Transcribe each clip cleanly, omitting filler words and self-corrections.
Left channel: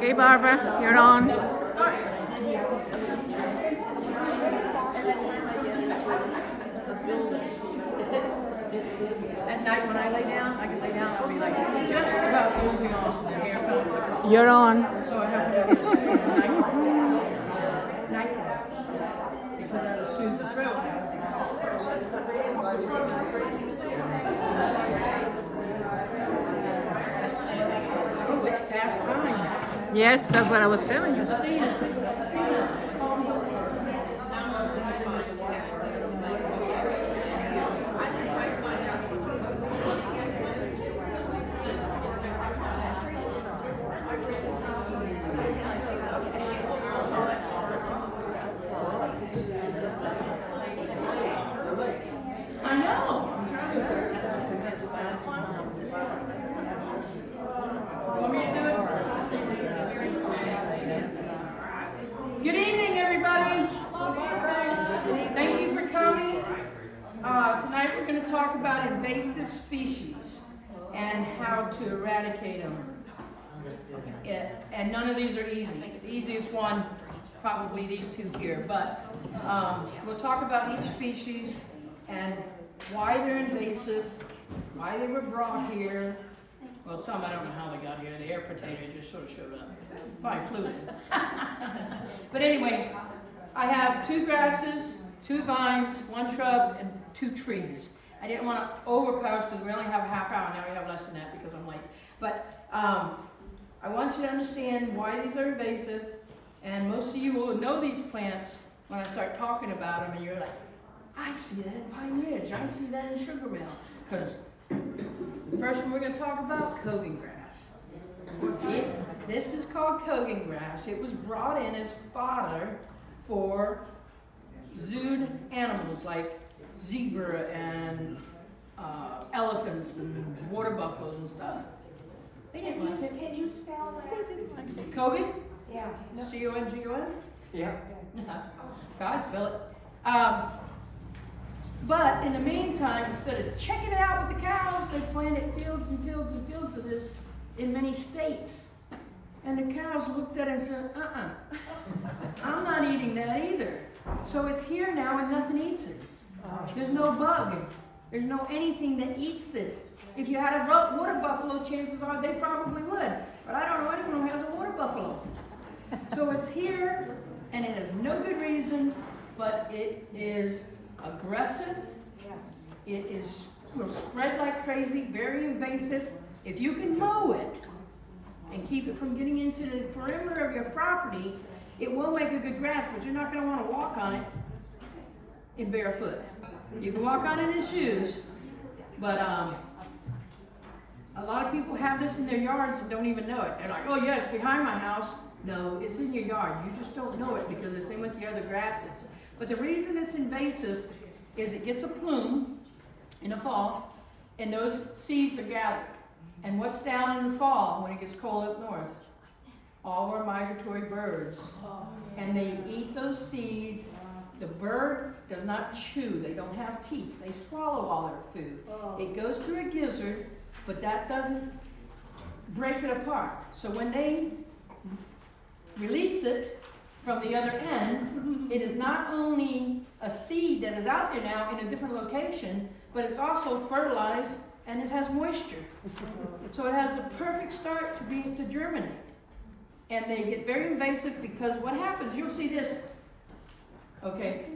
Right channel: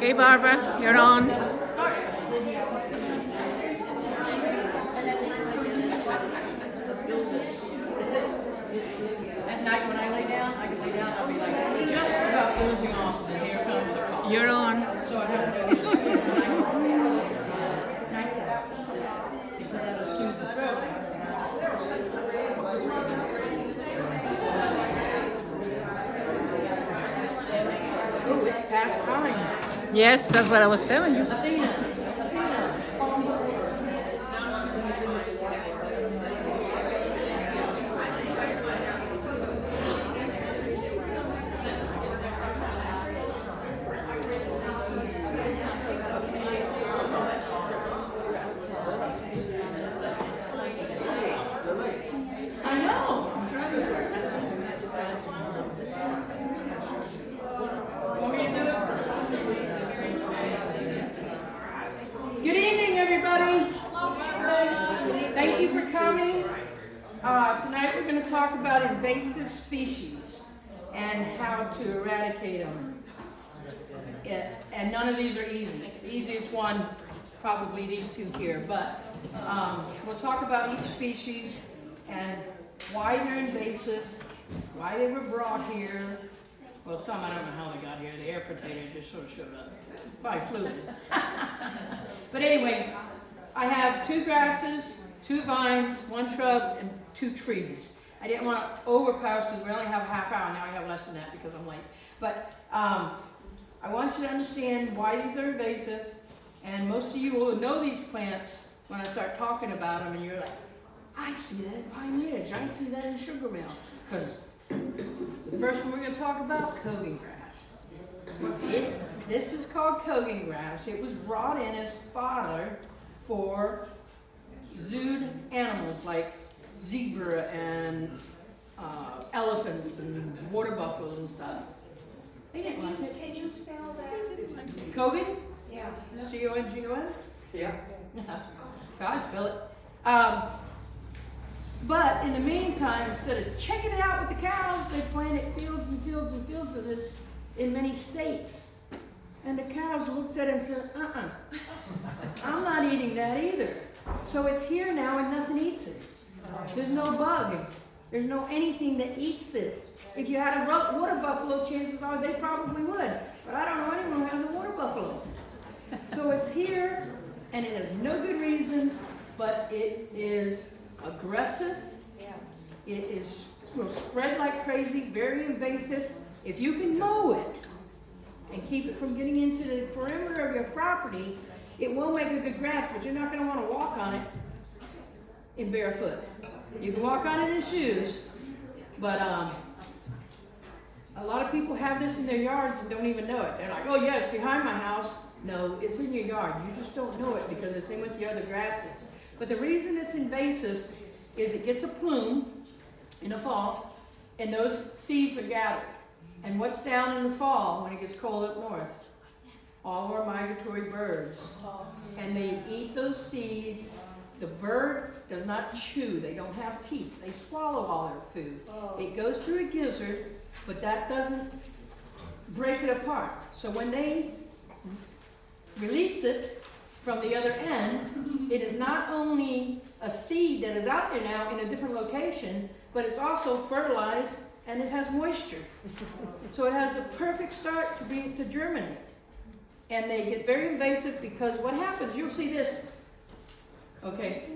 Okay, Barbara, you're on. At night when I lay down, I can lay down, I'll be like just about losing off, and here comes the call. You're on. So I have to go get a night because that'll soothe the throat. Oh, it's past time. Yes, that's what I was telling you. Athena, call me. I know. I'm trying to work. Want me to do it? Good evening, everybody. Thank you for coming. Tonight we're going to talk about invasive species and how to eradicate them. And none of these are easy. The easiest one, probably these two here. But we'll talk about each species and why they're invasive, why they were brought here. Well, some, I don't know how they got here. The air potato just sort of showed up. Probably flew in. But anyway, I have 2 grasses, 2 vines, 1 shrub, and 2 trees. I didn't want to overpower because we only have a half hour. Now we have less than that because I'm late. But I want you to understand why these are invasive. And most of you will know these plants when I start talking about them, and you're like, I see that in Pine Ridge. I see that in Sugar Mill. Because the first one we're going to talk about, Kogan grass. This is called Kogan grass. It was brought in as fodder for zooed animals like zebra and elephants and water buffaloes and stuff. They didn't like it. Can you spell that? Kogan? Yeah. C-O-N-G-O-N? Yeah. So I spell it. But in the meantime, instead of checking it out with the cows, they planted fields and fields and fields of this in many states. And the cows looked at it and said, I'm not eating that either. So it's here now and nothing eats it. There's no bug. There's no anything that eats this. If you had a water buffalo, chances are they probably would. But I don't know anyone who has a water buffalo. So it's here, and it has no good reason, but it is aggressive. It will spread like crazy, very invasive. If you can mow it and keep it from getting into the perimeter of your property, it will make a good grass, but you're not going to want to walk on it in barefoot. You can walk on it in shoes, but a lot of people have this in their yards and don't even know it. They're like, oh yeah, it's behind my house. No, it's in your yard. You just don't know it because it's in with the other grasses. But the reason it's invasive is it gets a plume in the fall, and those seeds are gathered. And what's down in the fall when it gets cold up north? All our migratory birds. And they eat those seeds. The bird does not chew. They don't have teeth. They swallow all their food. It goes through a gizzard, but that doesn't break it apart. So when they release it from the other end, it is not only a seed that is out there now in a different location, but it's also fertilized and it has moisture. So it has the perfect start to germinate. And they get very invasive because what happens, you'll see this, okay,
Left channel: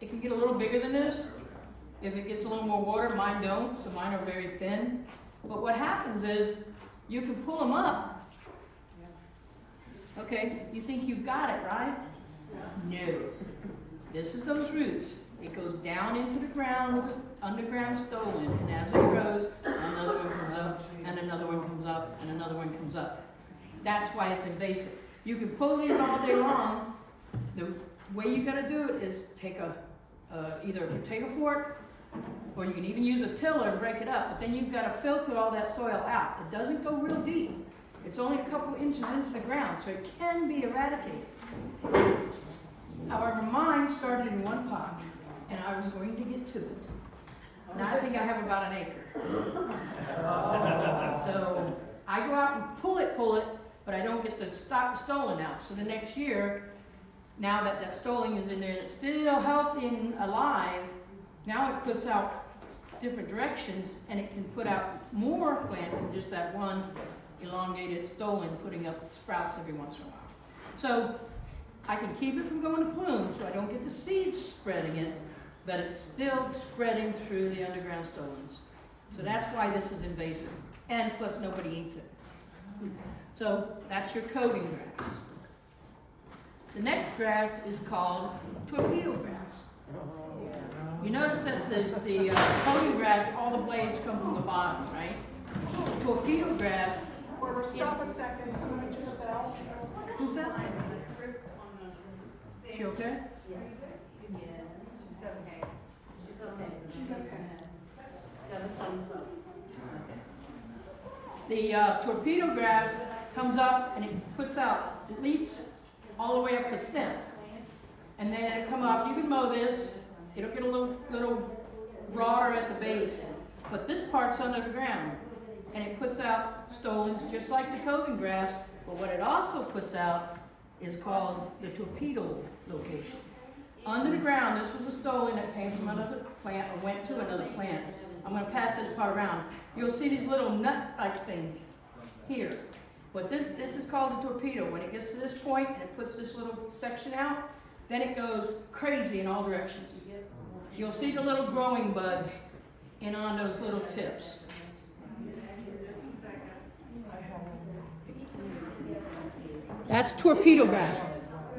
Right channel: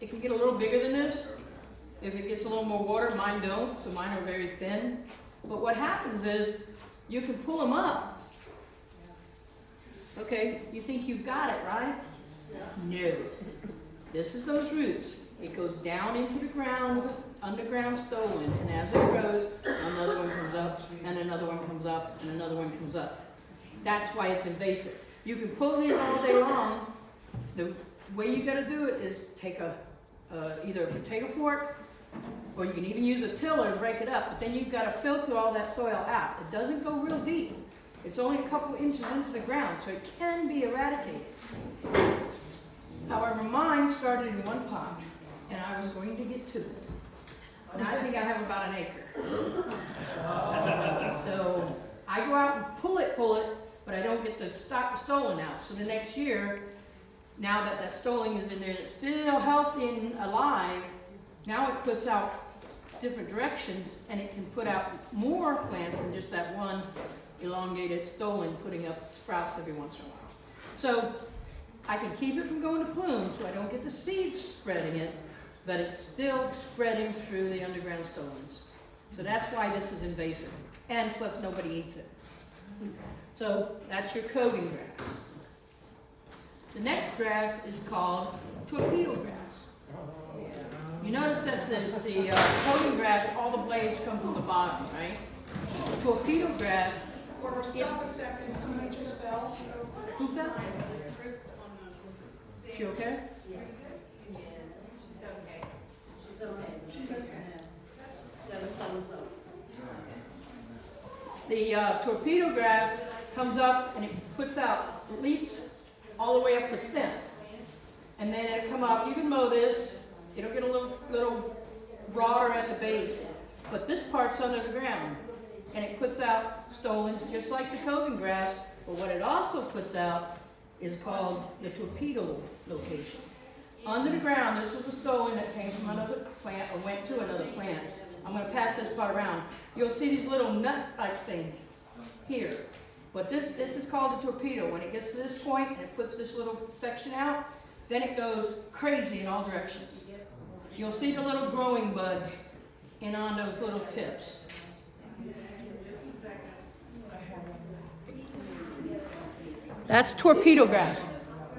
it can get a little bigger than this. If it gets a little more water, mine don't, so mine are very thin. But what happens is you can pull them up. Okay, you think you've got it, right? No. This is those roots. It goes down into the ground with an underground stolon, and as it grows, another one comes up, and another one comes up, and another one comes up. That's why it's invasive. You can pull these all day long. The way you gotta do it is take either a potato fork, or you can even use a tiller and break it up, but then you've got to filter all that soil out. It doesn't go real deep. It's only a couple inches into the ground, so it can be eradicated. However, mine started in one pot, and I was going to get to it. Now I think I have about an acre. So I go out and pull it, but I don't get the stolon out. So the next year, now that that stolon is in there, it's still healthy and alive, now it puts out different directions, and it can put out more plants than just that one elongated stolon putting up sprouts every once in a while. So I can keep it from going to plume, so I don't get the seeds spreading it, but it's still spreading through the underground stolons. So that's why this is invasive, and plus nobody eats it. So that's your coating grass. The next grass is called torpedo grass. You notice that the coating grass, all the blades come from the bottom, right? Torpedo grass. Stop a second, somebody just fell. Who fell? She okay? The torpedo grass comes up and it puts out leaves all the way up the stem. And then it'll come up, you can mow this, it'll get a little broader at the base, but this part's under the ground. And it puts out stolons just like the coating grass, but what it also puts out is called the torpedo location. Under the ground, this was a stolon that came from another plant or went to another plant. I'm going to pass this part around. You'll see these little nut-like things here. But this is called a torpedo. When it gets to this point and it puts this little section out, then it goes crazy in all directions. You'll see the little growing buds in on those little tips. That's torpedo grass.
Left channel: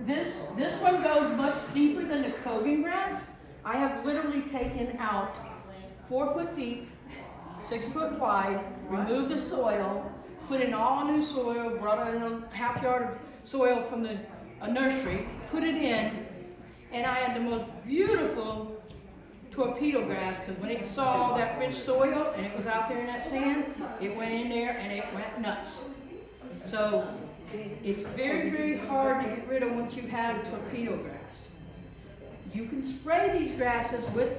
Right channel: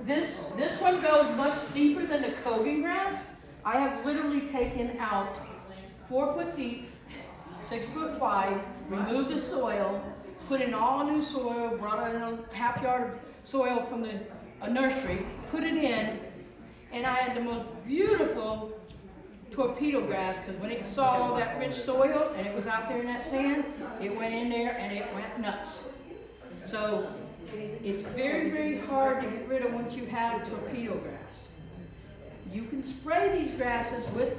This one goes much deeper than the coating grass. I have literally taken out 4 foot deep, 6 foot wide, removed the soil, put in all new soil, brought in a half yard of soil from the nursery, put it in, and I had the most beautiful torpedo grass, because when it saw all that rich soil and it was out there in that sand, it went in there and it went nuts. So it's very, very hard to get rid of once you have torpedo grass. You can spray these grasses with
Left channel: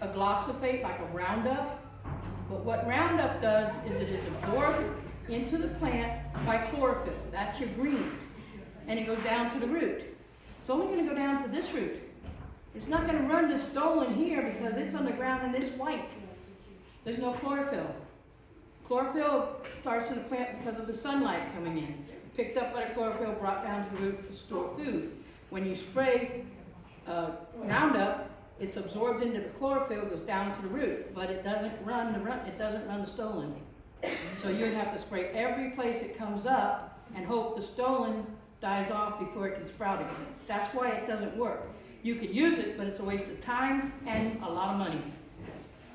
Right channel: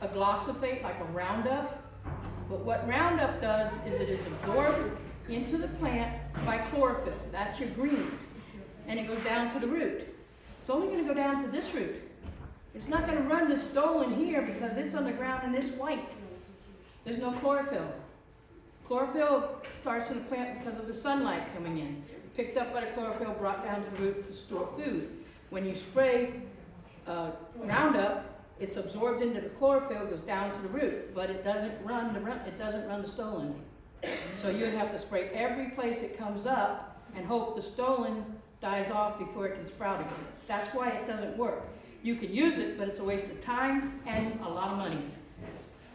a glyphosate like a Roundup, but what Roundup does is it is absorbed into the plant by chlorophyll. That's your green. And it goes down to the root. It's only going to go down to this root. It's not going to run to stolon here because it's on the ground and it's white. There's no chlorophyll. Chlorophyll starts in the plant because of the sunlight coming in. Picked up by the chlorophyll, brought down to the root to store food. When you spray Roundup, it's absorbed into the chlorophyll, goes down to the root, but it doesn't run the stolon. So you would have to spray every place it comes up and hope the stolon dies off before it can sprout again. That's why it doesn't work. You can use it, but it's a waste of time and a lot of money.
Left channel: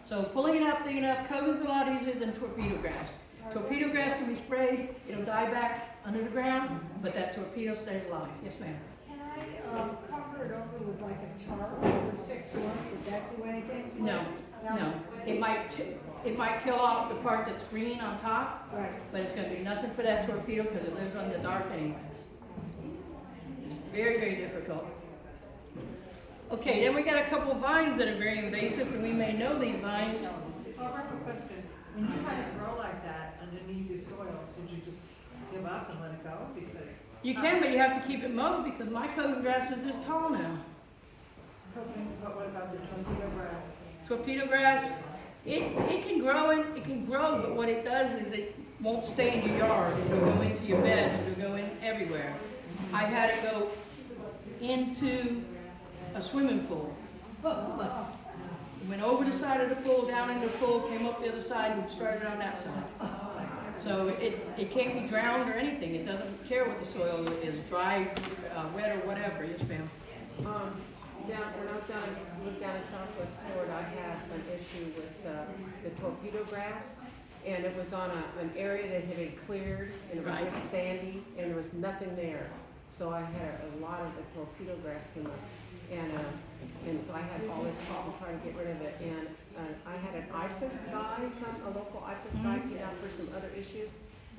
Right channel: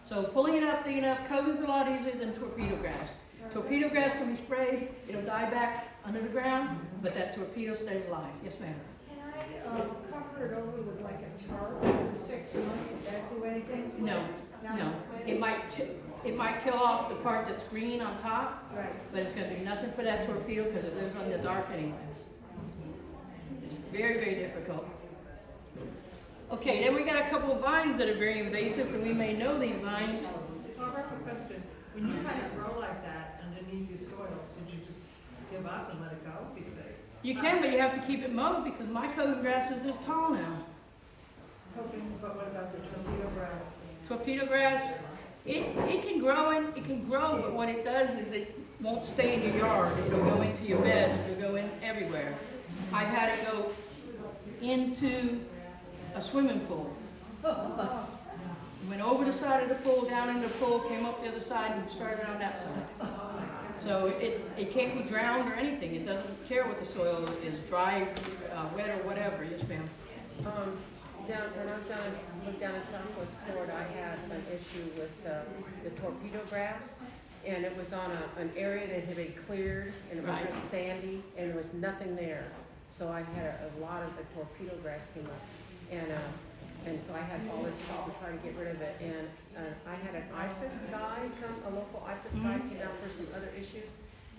So pulling it up, digging it up, coating's a lot easier than torpedo grass. Torpedo grass can be sprayed, it'll die back under the ground, but that torpedo stays alive. Yes, ma'am. Can I cover it over with like a tarp for 6 months? Would that do anything? No. It might kill off the part that's green on top, Right. but it's going to do nothing for that torpedo because it lives on the dark anyway. It's very, very difficult. Okay, then we got a couple of vines that are very invasive, and we may know these vines. When you kind of grow like that underneath your soil, should you just give up and let it go? Because You can, but you have to keep it mowed because my coating grass is this tall now. but what about the torpedo grass? Torpedo grass, it can grow, but what it does is it won't stay in your yard. It'll go into your beds, it'll go in everywhere. I had it go into a swimming pool. Went over the side of the pool, down in the pool, came up the other side and started on that side. So it can't be drowned or anything. It doesn't care what the soil is, dry, wet, or whatever. Yes, ma'am. Down in Southwest Florida, I had an issue with the torpedo grass, and it was on an area that had been cleared, and it was Right. just sandy, and there was nothing there. So I had a lot of the torpedo grass come up, and so I had all this problem trying to get rid of it. And I had an IFAS guy come, a local IFAS guy came out for some other issues,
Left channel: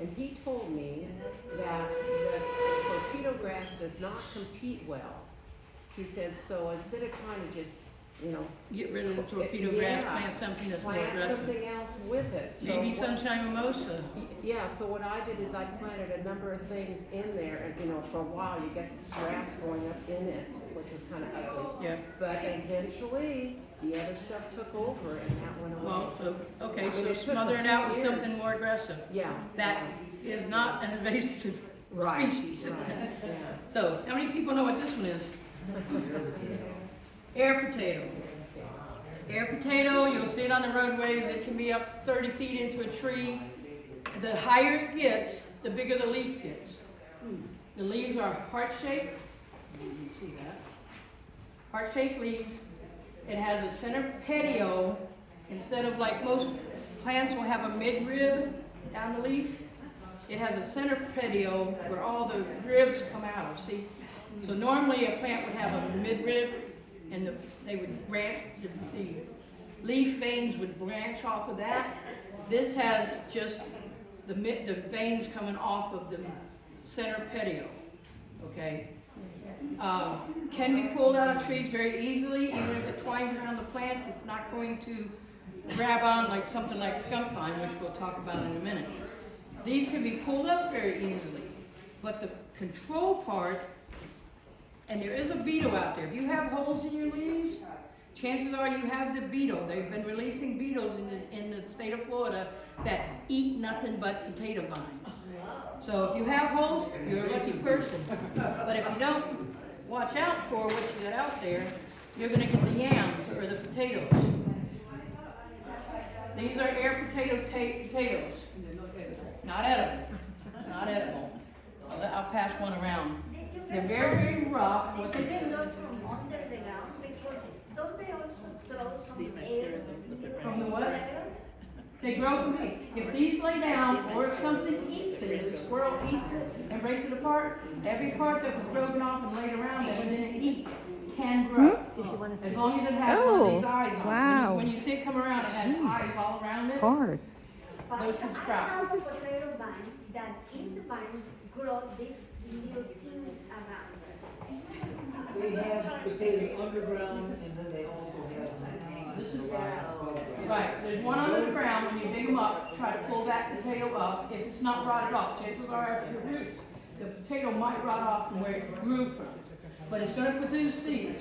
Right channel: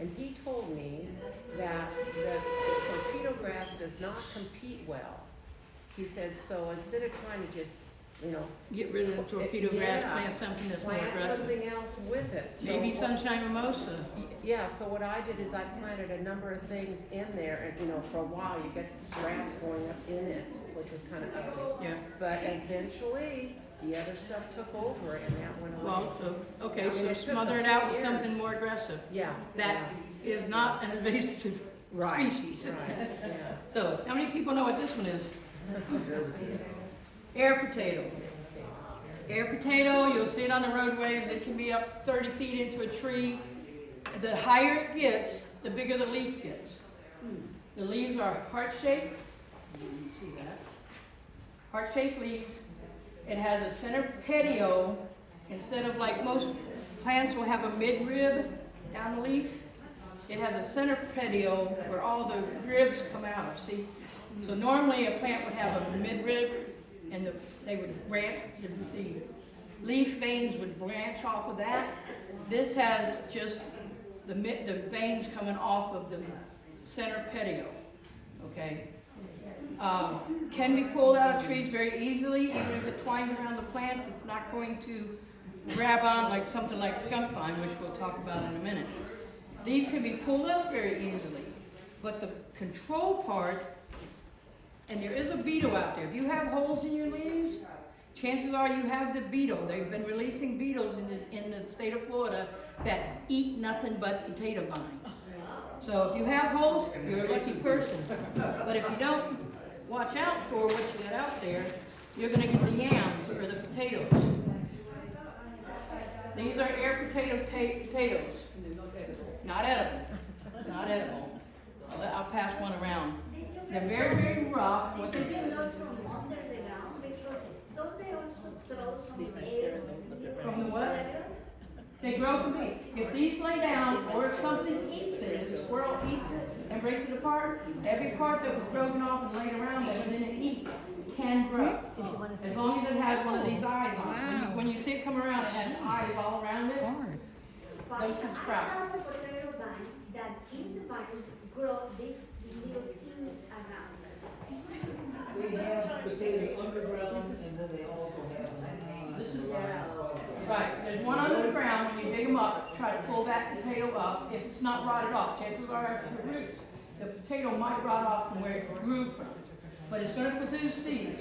and he told me that the torpedo grass does not compete well. He said, so instead of trying to just you know. Get rid of the torpedo grass, Yeah. plant something that's more Plant aggressive. something else with it. So Maybe sunshine mimosa. Yeah, so what I did is I planted a number of things in there, and you know, for a while you get grass growing up in it, which is kind of ugly. Yeah. But eventually, the other stuff took over, and that went away. Well, so, okay, And so it took smother a it few out with years. something more aggressive. Yeah. That is not an invasive Right. species. Right, yeah. So, how many people know what this one is? Air potato. Air potato, you'll see it on the roadways. It can be up 30 feet into a tree. The higher it gets, the bigger the leaf gets. The leaves are heart-shaped. You can see that. Heart-shaped leaves. It has a center petiole. Instead of like most plants will have a midrib down the leaf, it has a center petiole where all the ribs come out of, see? So normally a plant would have a midrib and they would branch, the leaf veins would branch off of that. This has just the veins coming off of the center petiole, okay? Can be pulled out of trees very easily, even if it twines around the plants, it's not going to grab on like something like skunk pine, which we'll talk about in a minute. These can be pulled up very easily, but the control part, and there is a beetle out there. If you have holes in your leaves, chances are you have the beetle. They've been releasing beetles in the state of Florida that eat nothing but potato vine. So if you have holes, you're a lucky person. But if you don't watch out for what you got out there, you're going to get the yams or the potatoes. These are air potatoes. Not edible. Not edible. I'll pass one around. They're very, very rough. What they Get do those from under the ground because don't they also throw some air from the what? They grow from me. If these lay down, or if something eats it, if a squirrel eats it and breaks it apart, every part that was broken off and laid around that it didn't eat can grow. As long as it has one of these eyes on it. Wow. When you see it come around, it has eyes all around it. Hard. But Those can sprout. I have a potato vine that in the vines grow these little things around. They have potatoes underground, and then they also have them hanging. This is above ground. right. There's one under the ground. When you dig them up, try to pull that potato up. If it's not rotted off, chances are after the roots, the potato might rot off from where it grew from. But it's going to produce these.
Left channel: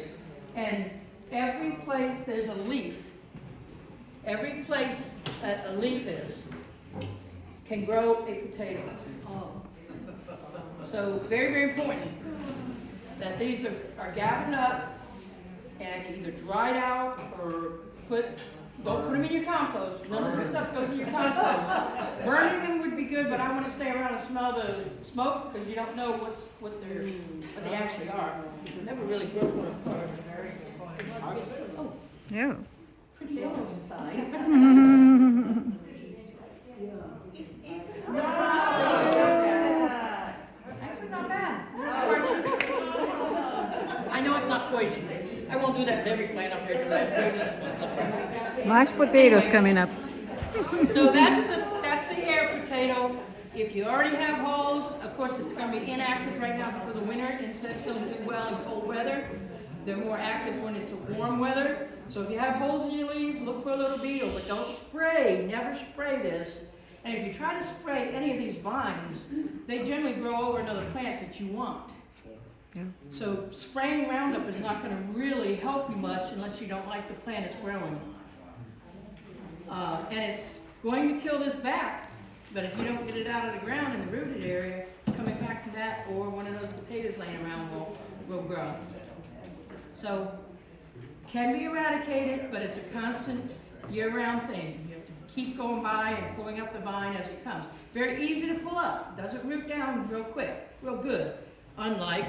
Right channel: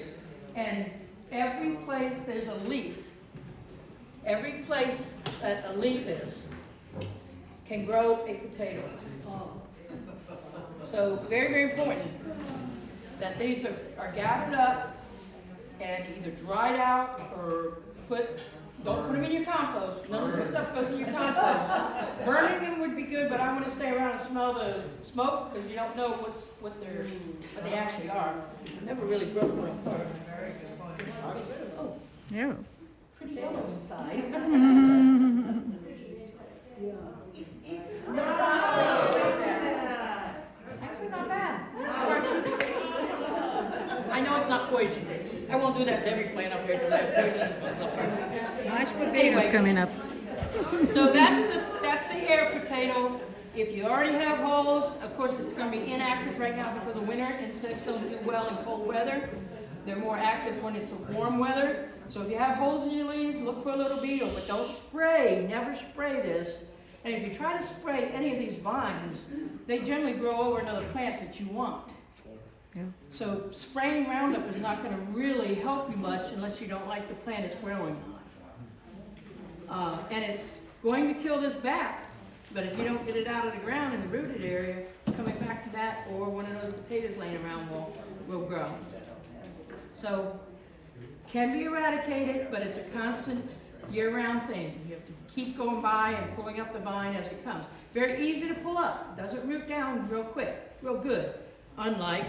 And every place there's a leaf, every place that a leaf is, can grow a potato. So very, very important that these are gathered up and either dried out or don't put them in your compost. None of this stuff goes in your compost. Burning them would be good, but I want to stay around and smell the smoke because you don't know what they actually are. Never really broke one apart. Oh, Yeah. pretty yellow inside. Actually, not bad. I know it's not poison. I won't do that to every plant up here because I have poisonous ones up here. Mashed potatoes Anyway. coming up. So that's the air potato. If you already have holes, of course it's going to be inactive right now because of winter. Insects don't do well in cold weather. They're more active when it's a warm weather. So if you have holes in your leaves, look for a little beetle, but don't spray. Never spray this. And if you try to spray any of these vines, they generally grow over another plant that you want. Yeah. So spraying Roundup is not going to really help you much unless you don't like the plant it's growing on. And it's going to kill this back, but if you don't get it out of the ground in the rooted area, it's coming back to that, or one of those potatoes laying around will grow. So, can be eradicated, but it's a constant year-round thing. You have to keep going by and pulling up the vine as it comes. Very easy to pull up. Doesn't root down real quick, real good. Unlike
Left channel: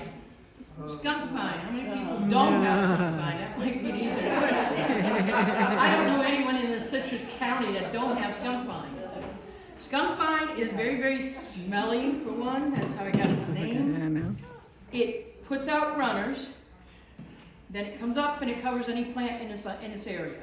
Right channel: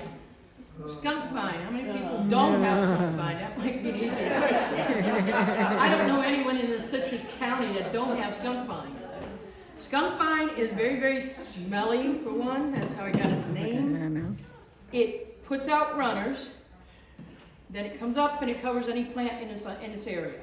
skunk vine. How many people don't have skunk vine? That might be the easy question. I don't know anyone in the Citrus County that don't have skunk vine. Skunk vine is very, very smelly for one. That's how it got its name. I know. It puts out runners. Then it comes up and it covers any plant in its area.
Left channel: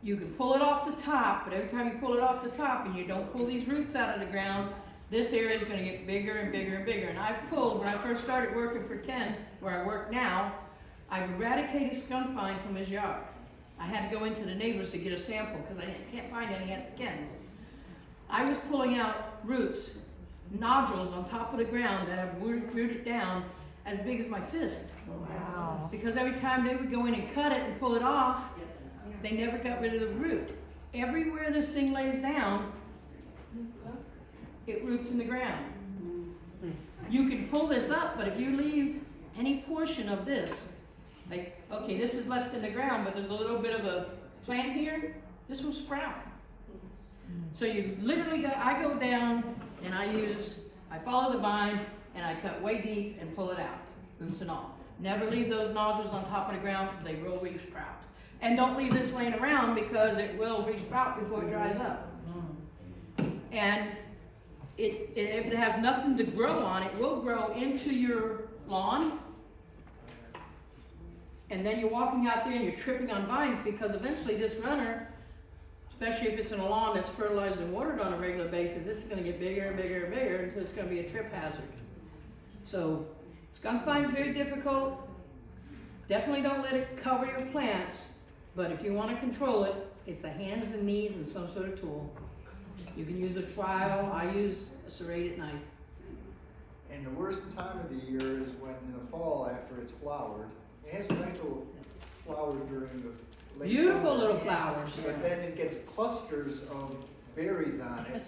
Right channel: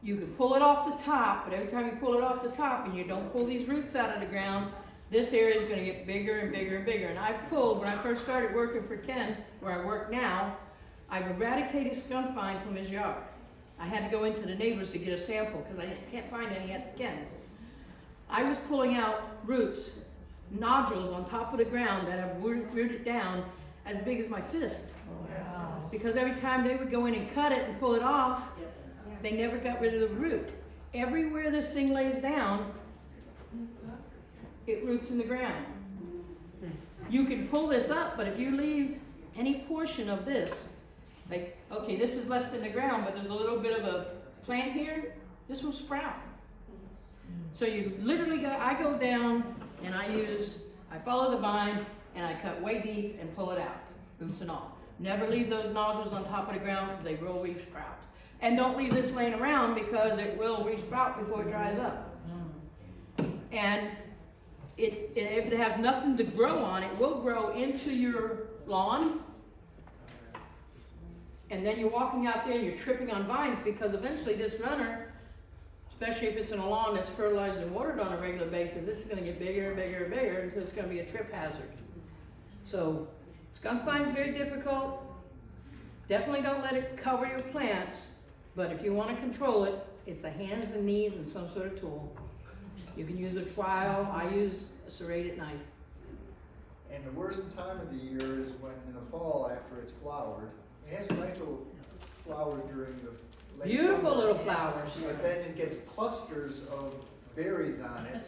You can pull it off the top, but every time you pull it off the top and you don't pull these roots out of the ground, this area is going to get bigger and bigger and bigger. And I've pulled, when I first started working for Ken, where I work now, I've eradicated skunk vine from his yard. I had to go into the neighbors to get a sample because I can't find any at the Ken's. I was pulling out roots, nodules on top of the ground that have rooted down as big as my fist. Wow. Because every time they would go in and cut it and pull it off, they never got rid of the root. Everywhere this thing lays down, it roots in the ground. You can pull this up, but if you leave any portion of this, like, okay, this is left in the ground, but there's a little bit of a plant here, this will sprout. So you literally I go down and I follow the vine and I cut way deep and pull it out, roots and all. Never leave those nodules on top of the ground because they will re-sprout. And don't leave this laying around because it will re-sprout before it dries up. And if it has nothing to grow on, it will grow into your lawn. And then you're walking out there and you're tripping on vines because eventually this runner, especially if it's in a lawn that's fertilized and watered on a regular basis, this is going to get bigger and bigger and bigger until it's going to be a trip hazard. So skunk vine is very difficult. Definitely don't let it cover your plants, but if you want to control it, it's the hands and knees and some sort of tool. You can use a trowel. I use a serrated knife. And the worst time of the year is when in the fall after it's flowered. It has a nice little flower during the late Beautiful summer, little flowers. but then it gets clusters of berries on it,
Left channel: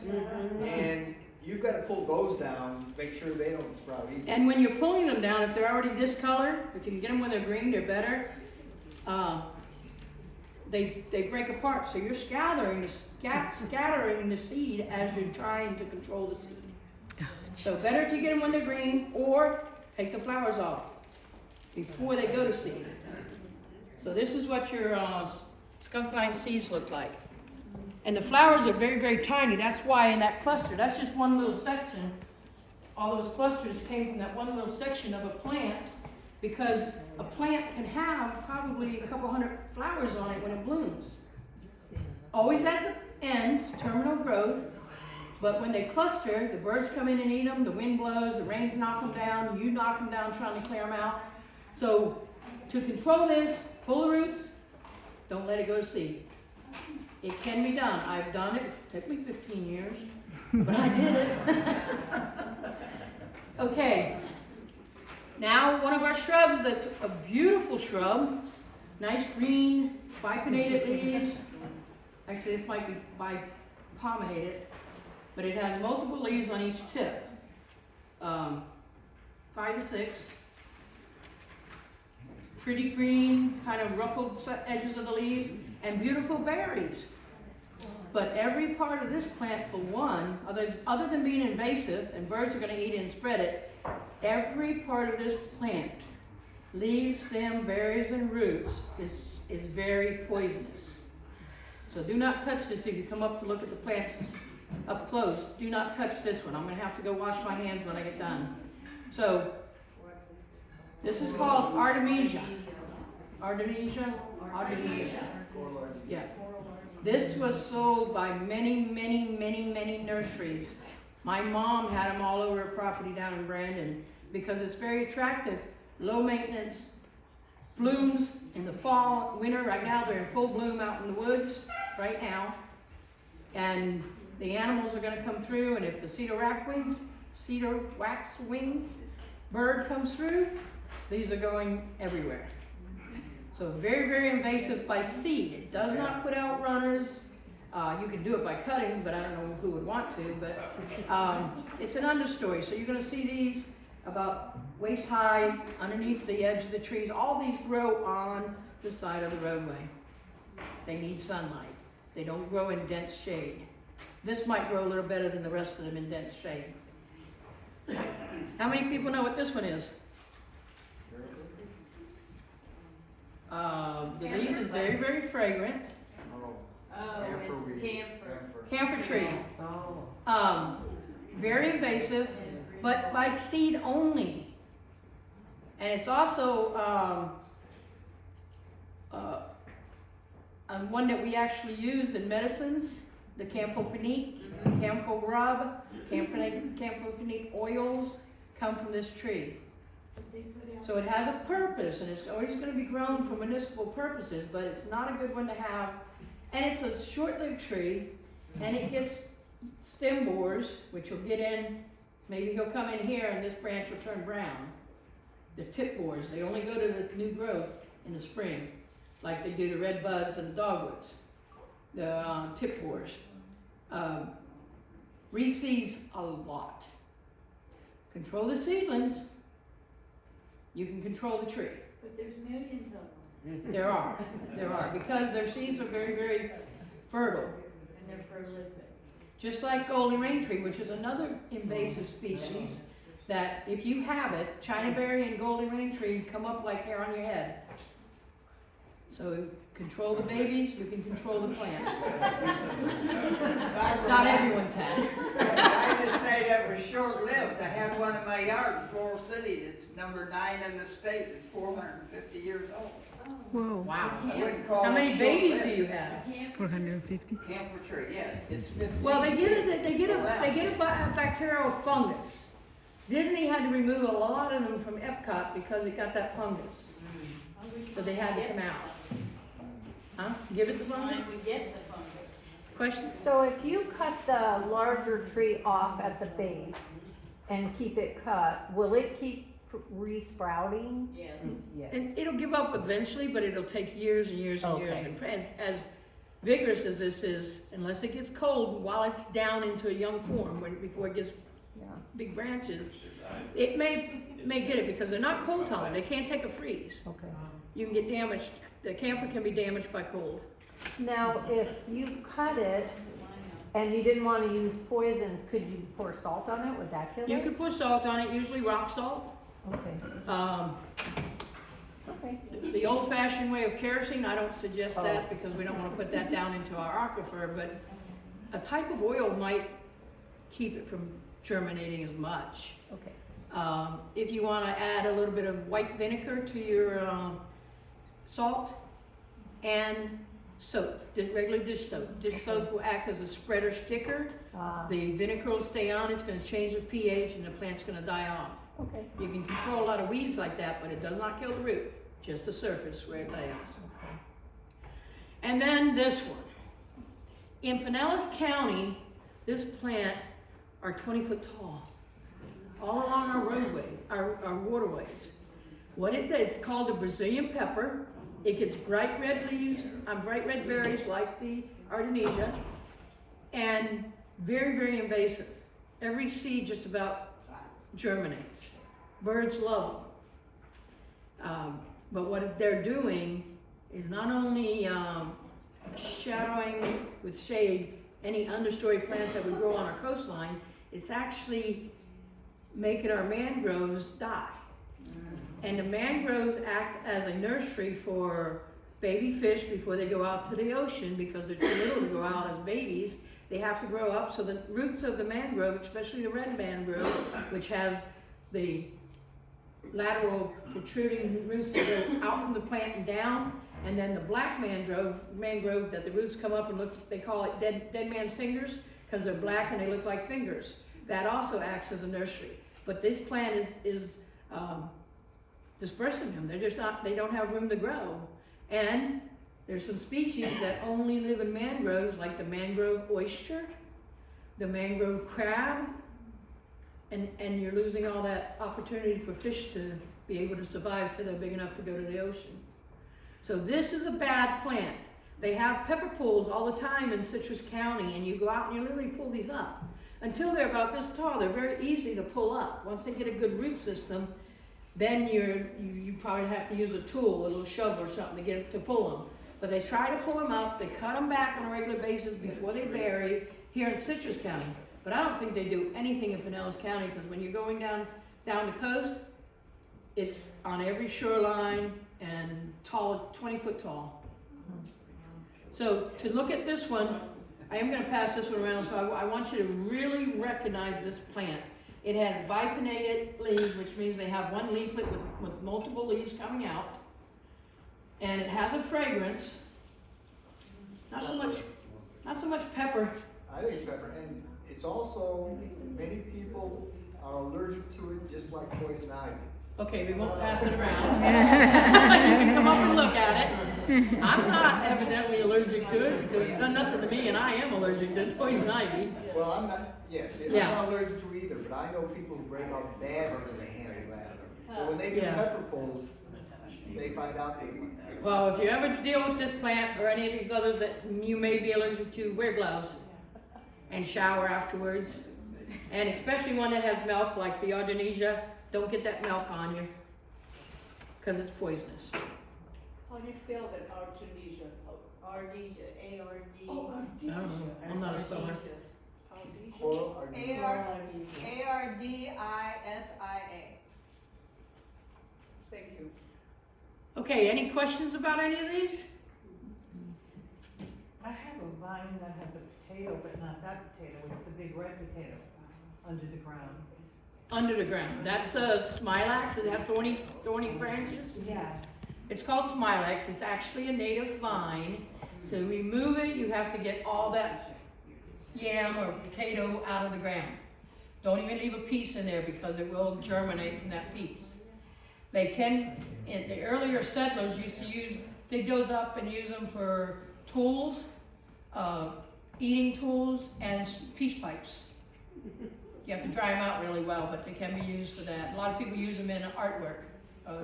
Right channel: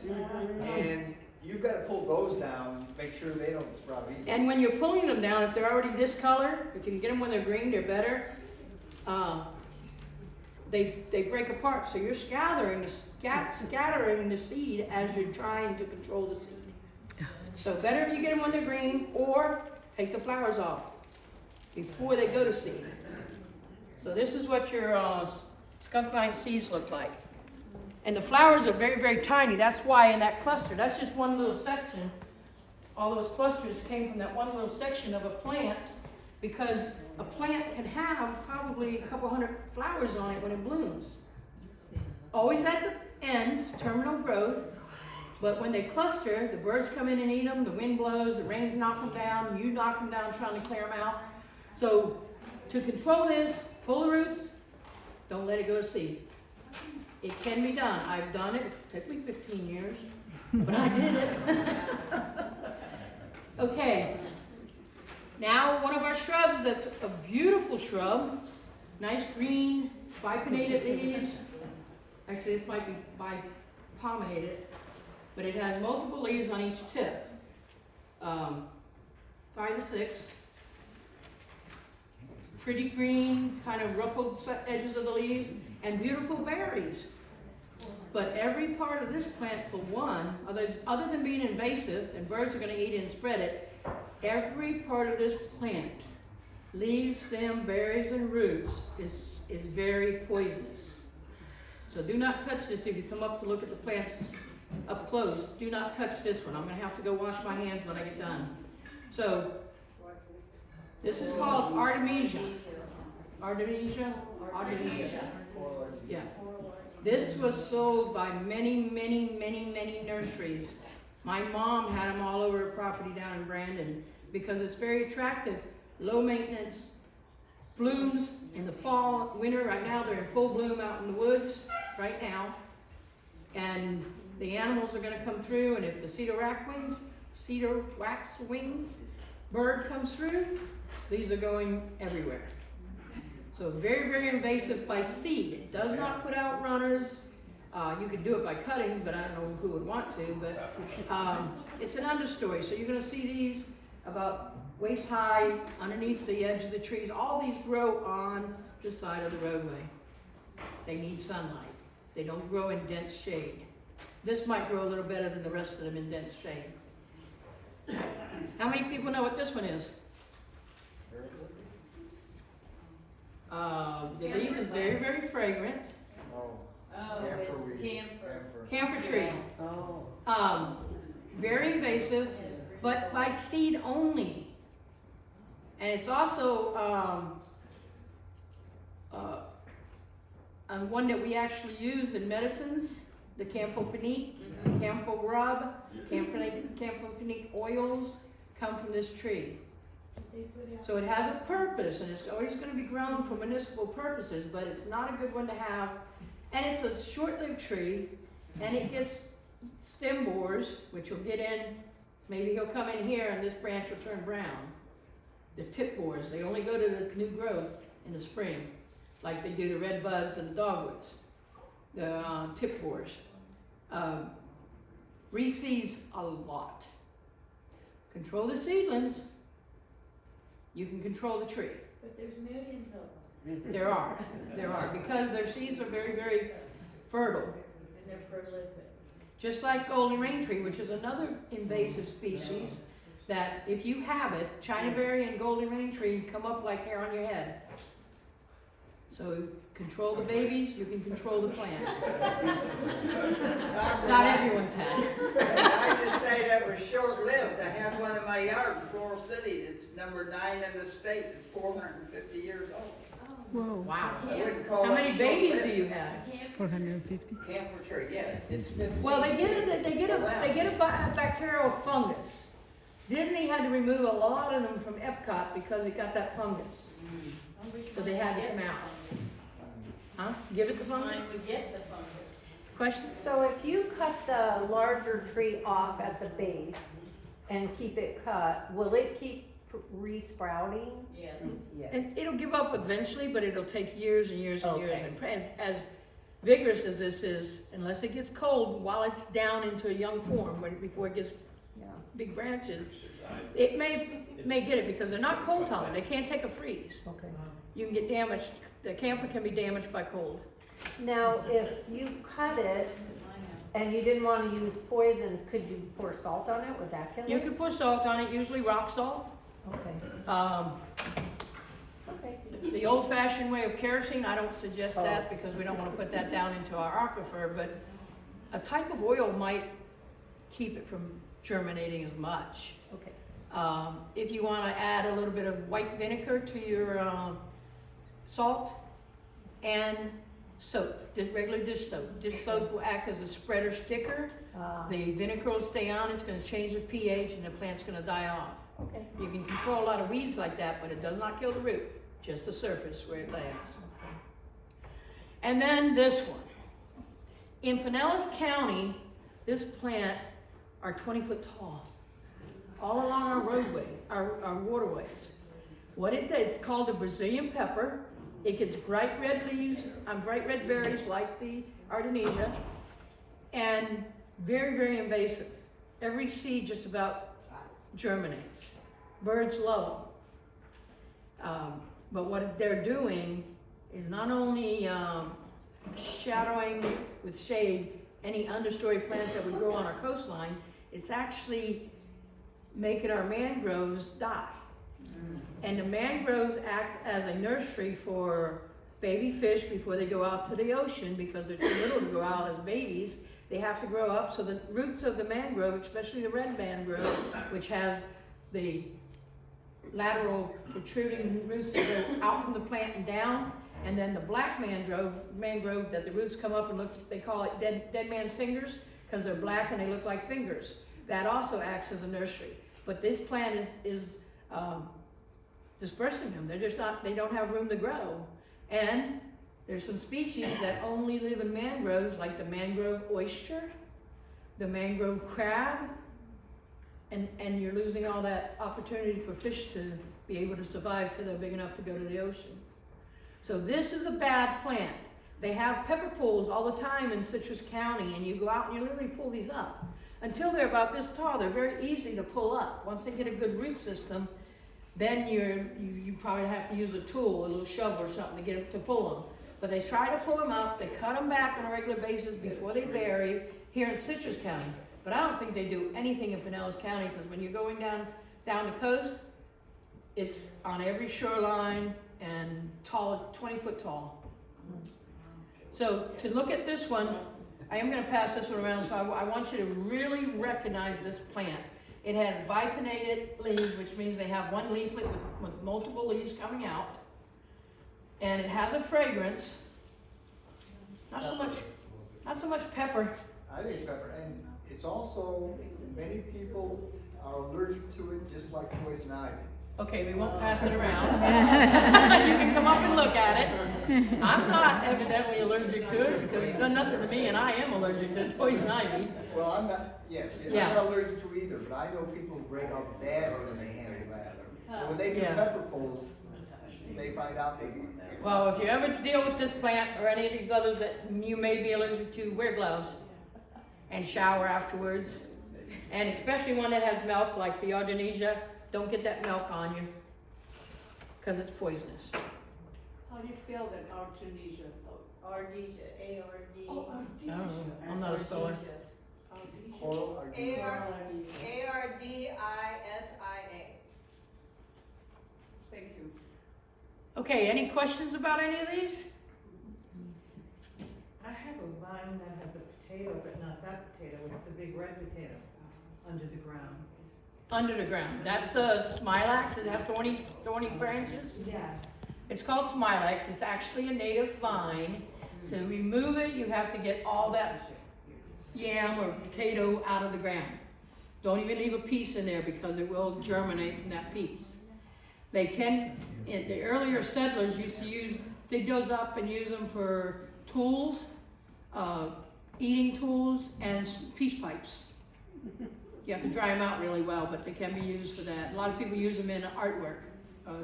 and you've got to pull those down, make sure they don't sprout either. And when you're pulling them down, if they're already this color, if you can get them when they're green, they're better. They break apart, so you're scattering the seed as you're trying to control the seed. So better if you get them when they're green, or take the flowers off before they go to seed. So this is what your skunk vine seeds look like. And the flowers are very, very tiny. That's why in that cluster, that's just one little section. All those clusters came from that one little section of a plant, because a plant can have probably a couple hundred flowers on it when it blooms. Always at the ends, terminal growth, but when they cluster, the birds come in and eat them, the wind blows, the rains knock them down, you knock them down trying to clear them out. So to control this, pull the roots, don't let it go to seed. It can be done. I've done it. It took me 15 years, but I did it. Okay. Now one of our shrubs that's a beautiful shrub, nice green, bipinnated leaves. Actually, this might be bipommated, but it has multiple leaves on each tip. 5 to 6. Pretty green, kind of ruffled edges of the leaves, and beautiful berries. But every part of this plant, for one, other than being invasive, and birds are going to eat it and spread it, every part of this plant, leaves, stem, berries, and roots, is very poisonous. So do not touch this if you come up to look at the plants up close. Do not touch this one. I'm going to have to go wash my hands when I get done. So this is called Artemisia. Artemisia? Artemisia. Yeah. This was sold by many, many, many, many nurseries. My mom had them all over her property down in Brandon because it's very attractive, low maintenance, blooms in the fall, winter. Right now they're in full bloom out in the woods right now. And the animals are going to come through, and if the cedar waxwings bird comes through, these are going everywhere. So very, very invasive by seed. It does not put out runners. You can do it by cuttings, but I don't know who would want to. But it's an understory. So you're going to see these about waist high underneath the edge of the trees. All these grow on the side of the roadway. They need sunlight. They don't grow in dense shade. This might grow a little better than the rest of them in dense shade. How many people know what this one is? The leaf is very, very fragrant. Camphor tree. Very invasive, but by seed only. And it's also one that we actually use in medicines, the camphorphenique, camphor rub, camphorphenique oils come from this tree. So it has a purpose, and it's always gonna be grown for municipal purposes, but it's not a good one to have. And it's a short-lived tree, and it gets stem borers, which will get in, maybe he'll come in here and this branch will turn brown. The tip borers, they only go to the new growth in the spring, like they do the red buds and the dogwoods. The tip borers. Reseeds a lot. Control the seedlings, you can control the tree. But there's millions of them, There are, because their seeds are very, very fertile. and they're prolific. Just like golden rain tree, which is another invasive species that if you have it, China berry and golden rain tree come up like hair on your head. So control the babies, you can control the plant. Not everyone's had. I just say that was short-lived. I had one in my yard in Floral City. It's number 9 in the state. It's 450 years old. Whoa. Wow. I wouldn't call How that many babies do short-lived. you have? 450. Camphor tree, yeah, it's 15. Well, they get a bacterial fungus. Disney had to remove a lot of them from Epcot because it got that fungus. So they had to come out. Huh? Give it the fungus? Question? So if you cut the larger tree off at the base and keep it cut, will it keep resprouting? Yes. And it'll give up eventually, but it'll take years and years and years. Okay. And as vigorous as this is, unless it gets cold, while it's down into a young form, before it gets big branches, it may get it because they're not cold tolerant. They can't take a freeze. Okay. You can get damaged. The camphor can be damaged by cold. Now, if you cut it and you didn't want to use poisons, could you pour salt on it? Would that kill it? You can put salt on it, usually rock salt. Okay. The old-fashioned way of kerosene, I don't suggest that because we don't want to put that down into our aquifer, but a type of oil might keep it from germinating as much. Okay. If you want to add a little bit of white vinegar to your salt and soap, just regular dish soap. Dish soap will act as a spreader sticker. The vinegar will stay on, it's going to change the pH and the plant's going to die off. Okay. You can control a lot of weeds like that, but it does not kill the root, just the surface where it lays. And then this one. In Pinellas County, this plant are 20 foot tall, all along our roadway, our waterways. What it does, it's called a Brazilian pepper. It gets bright red leaves, bright red berries like the Artemisia, and very, very invasive. Every seed just about germinates. Birds love them. But what they're doing is not only shadowing with shade any understory plants that we grow on our coastline, it's actually making our mangroves die. And the mangroves act as a nursery for baby fish before they go out to the ocean because they're too little to go out as babies. They have to grow up, so the roots of the mangrove, especially the red mangrove, which has the lateral protruding roots that go out from the plant and down, and then the black mangrove that the roots come up and look, they call it dead man's fingers because they're black and they look like fingers. That also acts as a nursery. But this plant is dispersing them. They're just not, they don't have room to grow. And there's some species that only live in mangroves, like the mangrove oyster, the mangrove crab, and you're losing all that opportunity for fish to be able to survive till they're big enough to go to the ocean. So this is a bad plant. They have pepper pools all the time in Citrus County, and you go out and you literally pull these up. Until they're about this tall, they're very easy to pull up. Once they get a good root system, then you probably have to use a tool, a little shovel or something to get it to pull them. But they try to pull them up, they cut them back on a regular basis before they bury here in Citrus County. But I don't think they do anything in Pinellas County because when you're going down the coast, it's on every shoreline and tall, 20 foot tall. So to look at this one, I am going to pass this one around, so I want you to really recognize this plant. It has bipinnated leaves, which means they have one leaflet with multiple leaves coming out. And it has a fragrance. Not so much pepper. I think pepper, and it's also, many people are allergic to it just like poison ivy. Okay, we won't pass it around. You can come up and look at it. I'm not evidently allergic to it because it's done nothing to me, and I am allergic to poison ivy. Well, I'm not, yes, Yeah. I'm not allergic to either, but I know people who break out bad when they handle that. But when they do Yeah. pepper poles, they find out they eat. Well, if you ever deal with this plant or any of these others that you may be allergic to, wear gloves and shower afterwards. And especially one that has milk, like the Artemisia, don't get that milk on you because it's poisonous. How do you spell that, Artemisia? Ardesia, A-R-D. Oh, I don't know. I'm not a speller. Oral or- A-R-D-I-S-I-A. Thank you. Okay, any questions about any of these? I have a vine that has a potato, but not that potato, it's the big red potato under the ground. Under the ground. That's a smilax. Does it have thorny branches? Yes. It's called smilax. It's actually a native vine. To remove it, you have to get all that yam or potato out of the ground. Don't even leave a piece in there because it will germinate from that piece. They can, in the earlier settlers used to dig those up and use them for tools, eating tools, and peace pipes. You have to dry them out really well, but they can be used for that. A lot of people use them in artwork,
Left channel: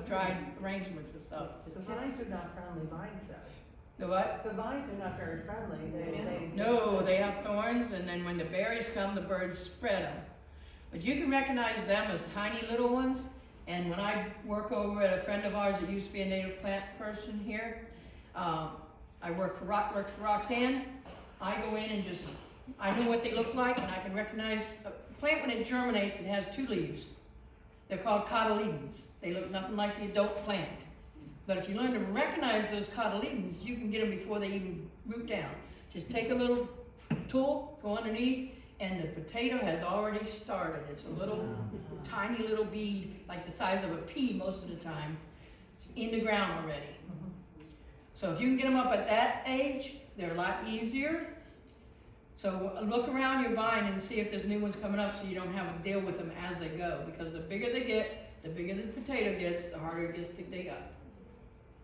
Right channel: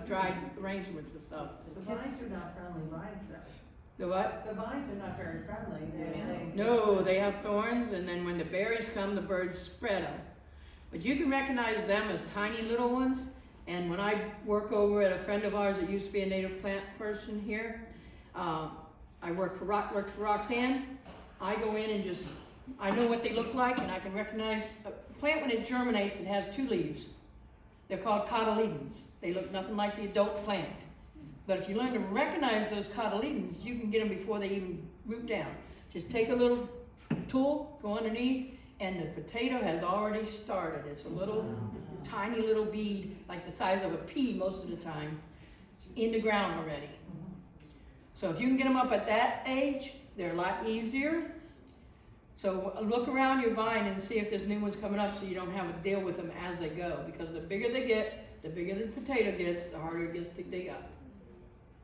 dried arrangements and stuff. The vines are not friendly vines though. The what? The vines are not very friendly, they. No, they have thorns, and then when the berries come, the birds spread them. But you can recognize them as tiny little ones. And when I work over at a friend of ours that used to be a native plant person here, I worked for Roxanne. I go in and I know what they look like, and I can recognize a plant when it germinates. It has two leaves. They're called cotyledons. They look nothing like the adult plant. But if you learn to recognize those cotyledons, you can get them before they even root down. Just take a little tool, go underneath, and the potato has already started. It's a little tiny little bead, like the size of a pea most of the time, in the ground already. So if you can get them up at that age, they're a lot easier. So look around your vine and see if there's new ones coming up so you don't have to deal with them as they go. Because the bigger they get, the bigger the potato gets, the harder it gets to dig up.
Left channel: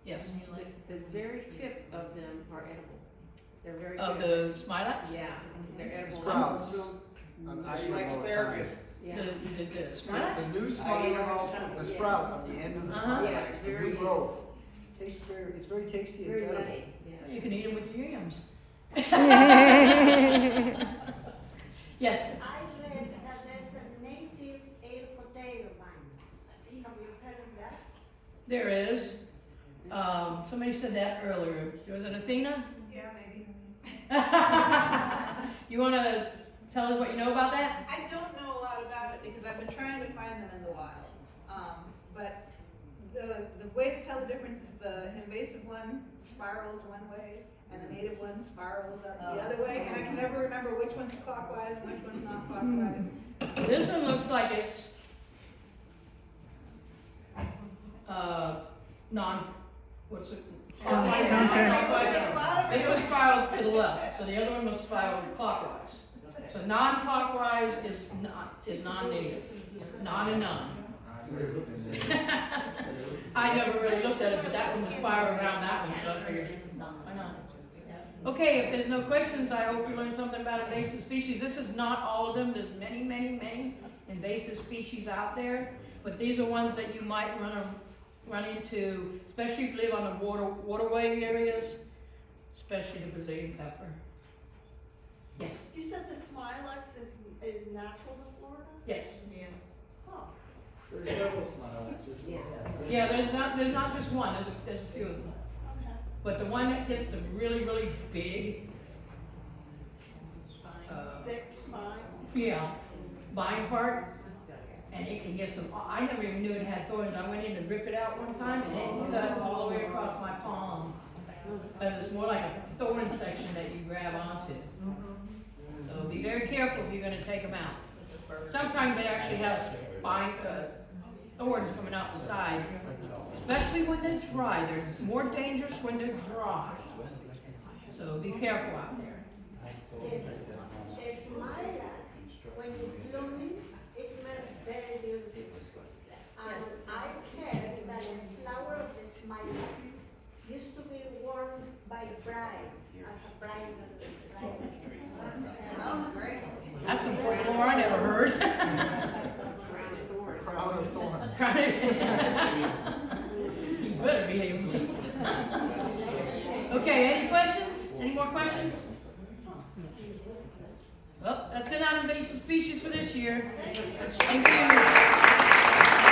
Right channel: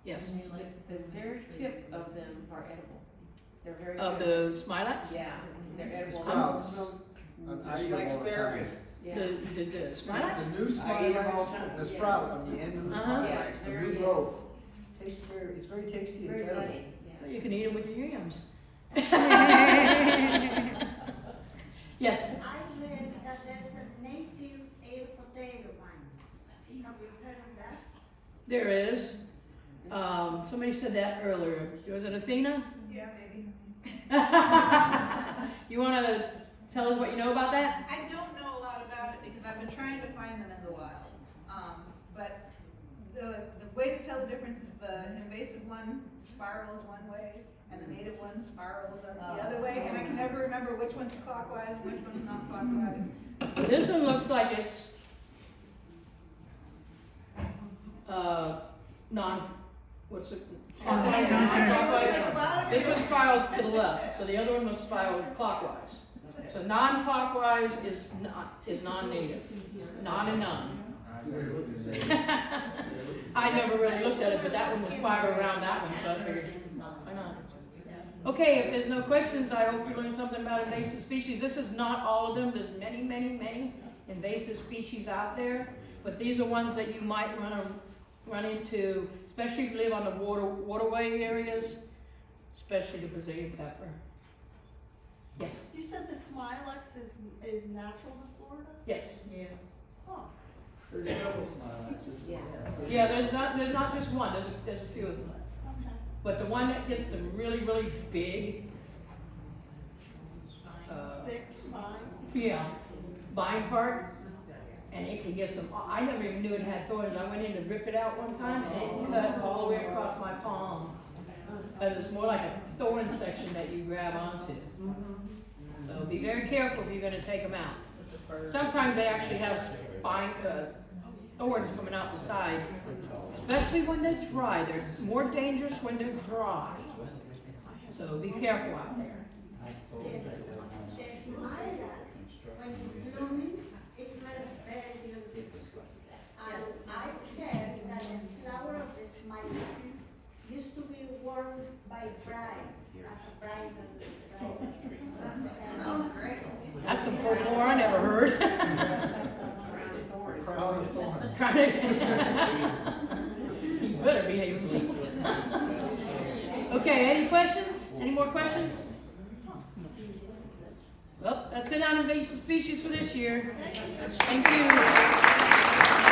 Yes? I mean, like, the very tip of them are edible. They're very. Of good. the smilax? Yeah, they're edible. Sprouts. I'm I just like all the time. asparagus. Yeah. The smilax? The new I eat 'em all smilax, the too. sprout on the end of the Uh-huh. smilax, Yeah, the very new nice. growth. Tastes it's very tasty, Very it's edible. nutty, yeah. You can eat them with your yams. Yes? I read that there's a native air potato vine. Have you heard of that? There is. Somebody said that earlier. Was it Athena? Yeah, maybe. You want to tell us what you know about that? I don't know a lot about it because I've been trying to find them in the wild. But the way to tell the difference is the invasive one spirals one way and the native one spirals up the other way, and I can never remember which one's clockwise and which one's not clockwise. This one looks like it's what's it? Counter. Non-clockwise. This one spirals to the left, so the other one must spiral clockwise. So non-clockwise is non-native. Non and non. I never really looked at it, but that one was spiral around that one, so I figured, why not? Okay, if there's no questions, I hope you learned something about invasive species. This is not all of them. There's many, many, many invasive species out there, but these are ones that you might run into, especially if you live on the waterway areas, especially the Brazilian pepper. Yes. You said the smilax is natural to Florida? Yes. Oh. There's several smilaxes. Yeah. Yeah, there's not just one. There's a few of them. Okay. But the one that gets them really, really big, Thick spine. yeah, vine part, and it can get some, I never even knew it had thorns. I went in to rip it out one time and it cut all the way across my palm. Because it's more like a thorn section that you grab onto. So be very careful if you're gonna take them out. Sometimes they actually have thorns coming out the side, especially when they're dry. They're more dangerous when they're dry. So be careful out there. The smilax, when it's blooming, it smells very beautiful. And I word. Crown of thorns. You better behave yourself. Okay, any questions? Any more questions? Well, that's it on invasive species for this year. Thank you.